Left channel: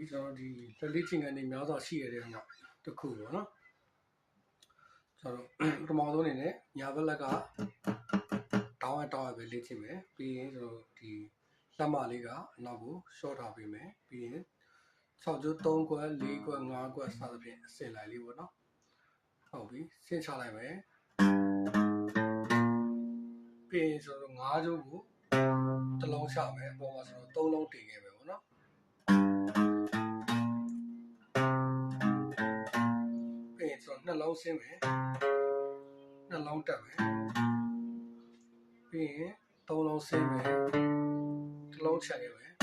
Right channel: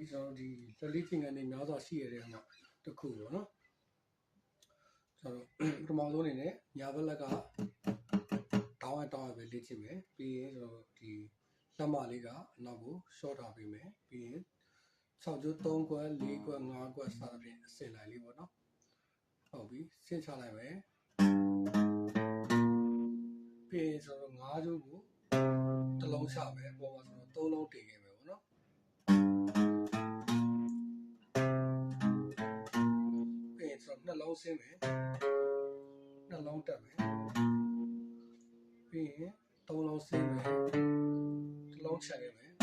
ပြီကျွန်တော်ဒီလက်လေးချင်းကနေများစွာရှိရတဲ့နောက်တစ်ခုပေါ့နော်ကျွန်တော်ပထမဆုံးအနေနဲ့ညာဘက်လက်ကတောင်းရပဲလေ့ကျင့်မယ်ပြီးရင်ကျွန်တော်ဒီလက်မလေးကအနောက်ကိုရှော့ထားပေးမယ်ပြီးရင်6ကျိုး3ခွက်4ခွက်5ခွက်စသဖြင့်အစင်လိုက်လေးပေါ့နော်ဟုတ်ပြီဆင်းချလိုက်မယ်ပြီးရင်ကျွန်တော်5ကျိုးကိုတစ်လုံးချမယ်အပေါ်မှာကျွန်တော်3လုံးတင်ခဲ့မယ်ပေါ့နော်ပြီးရင်ကျွန်တော်2လုံးဆင်းမယ်2လုံးတက်မယ်ပြီးရင်3လုံးဆင်းမယ်တစ်လုံးချက်ခဲ့မယ်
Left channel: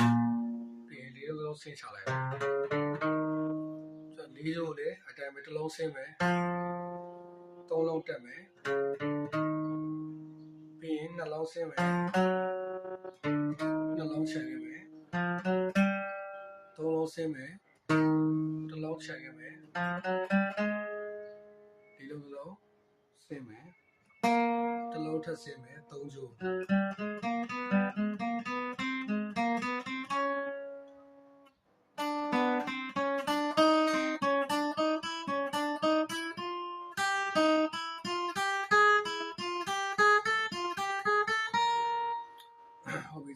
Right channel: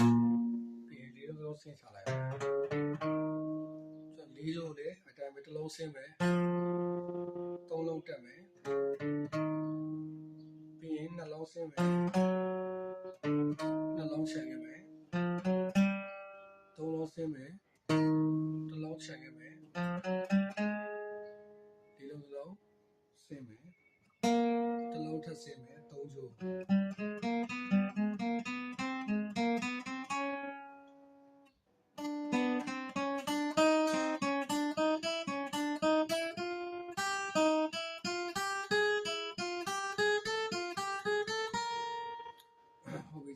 ပြီးရင်4လုံးဆင်းချလိုက်မယ်ကျွန်တော်4ကျိုးလေအတိုင်းပဲတစ်လုံးဆင်းမယ်3လုံးတက်မယ်ပြီးရင်2လုံးဆင်းမယ်2လုံးချက်ခဲ့မယ်3လုံးဆင်းမယ်တစ်လုံးချက်ခဲ့မယ်4လုံးဆင်းမယ်တစ်လုံးထပ်ဆင်းမယ်3ကျိုး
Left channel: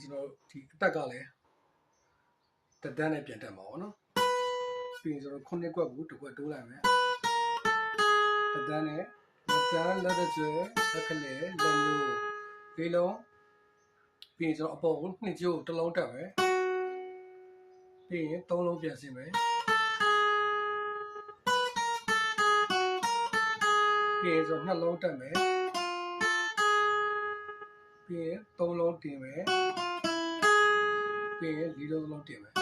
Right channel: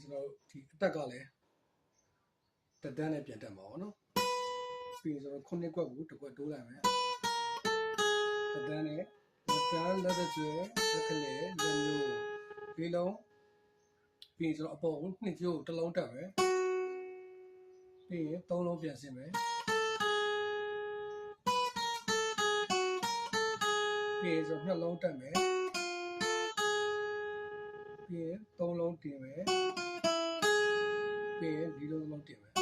ကျွန်တော်ဒီအတက်ကလည်းတဒန်းနဲ့ပြန်တက်မှာပေါ့နော်ပြီးရင်ကျွန်တော်9ခွက်ကိုတစ်ခွက်တိုးလိုက်မယ်တဒန်းနဲ့လက်တကျွဲလက်ကလေးလက်ညှိုးလေးလုံးပြီးရင်ကျွန်တော်အပေါ်ကို2ကျိုးတစ်လုံးတက်မယ်ပြီးရင်3လုံးပြန်ဆင်းမယ်ပြီးရင်ကျွန်တော်2လုံးတက်မယ်ပြီးရင်3လုံးတင်မယ်ပြီးရင်4လုံးတင်မယ်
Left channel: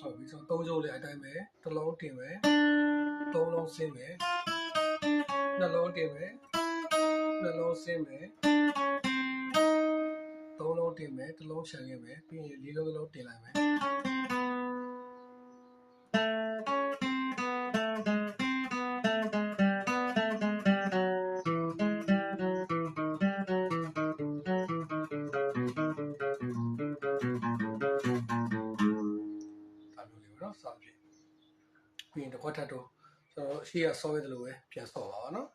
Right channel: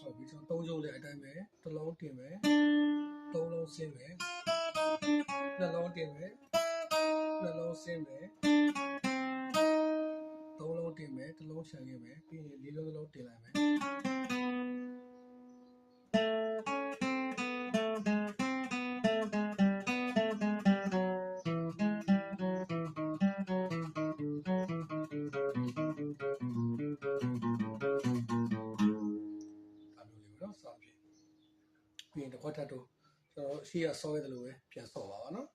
ဟုတ်ပြီဆိုတော့3ကျိုးလည်းအတိုင်းပဲတစ်လုံးတင်မယ်3လုံးဆင်းမယ်2လုံးတင်မယ်2လုံးဆင်းမယ်3လုံးတင်မယ်တစ်လုံးချန်ခဲ့မယ်ပြီးရင်4လုံးတင်လိုက်မယ်ပြီးရင်တစ်ခွက်ထပ်တော့ကျွန်တော်ရှေ့ကဆော့ရတယ်လို့ပဲပြန်ဆော့ပါအောင်နော်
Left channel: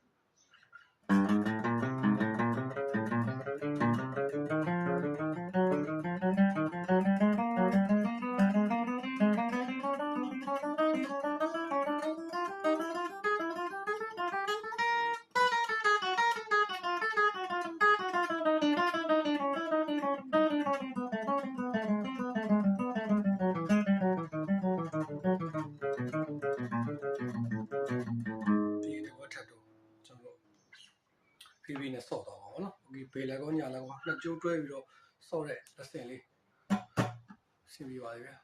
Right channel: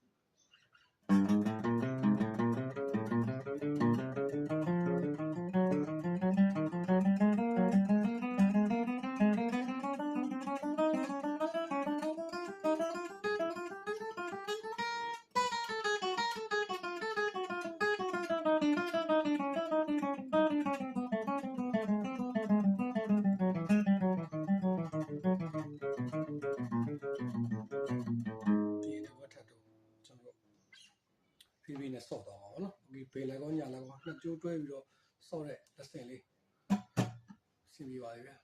ဖြည်းဖြည်းနဲ့ဆော့သွားပါဘောနော်โอเคဘေးလည်းကောညာလည်းကောနှစ်ကျိုးတွဲပြီးတော့ဆော့တဲ့အဆင့်လေးဆင်ပြီးပါပြီဗျာ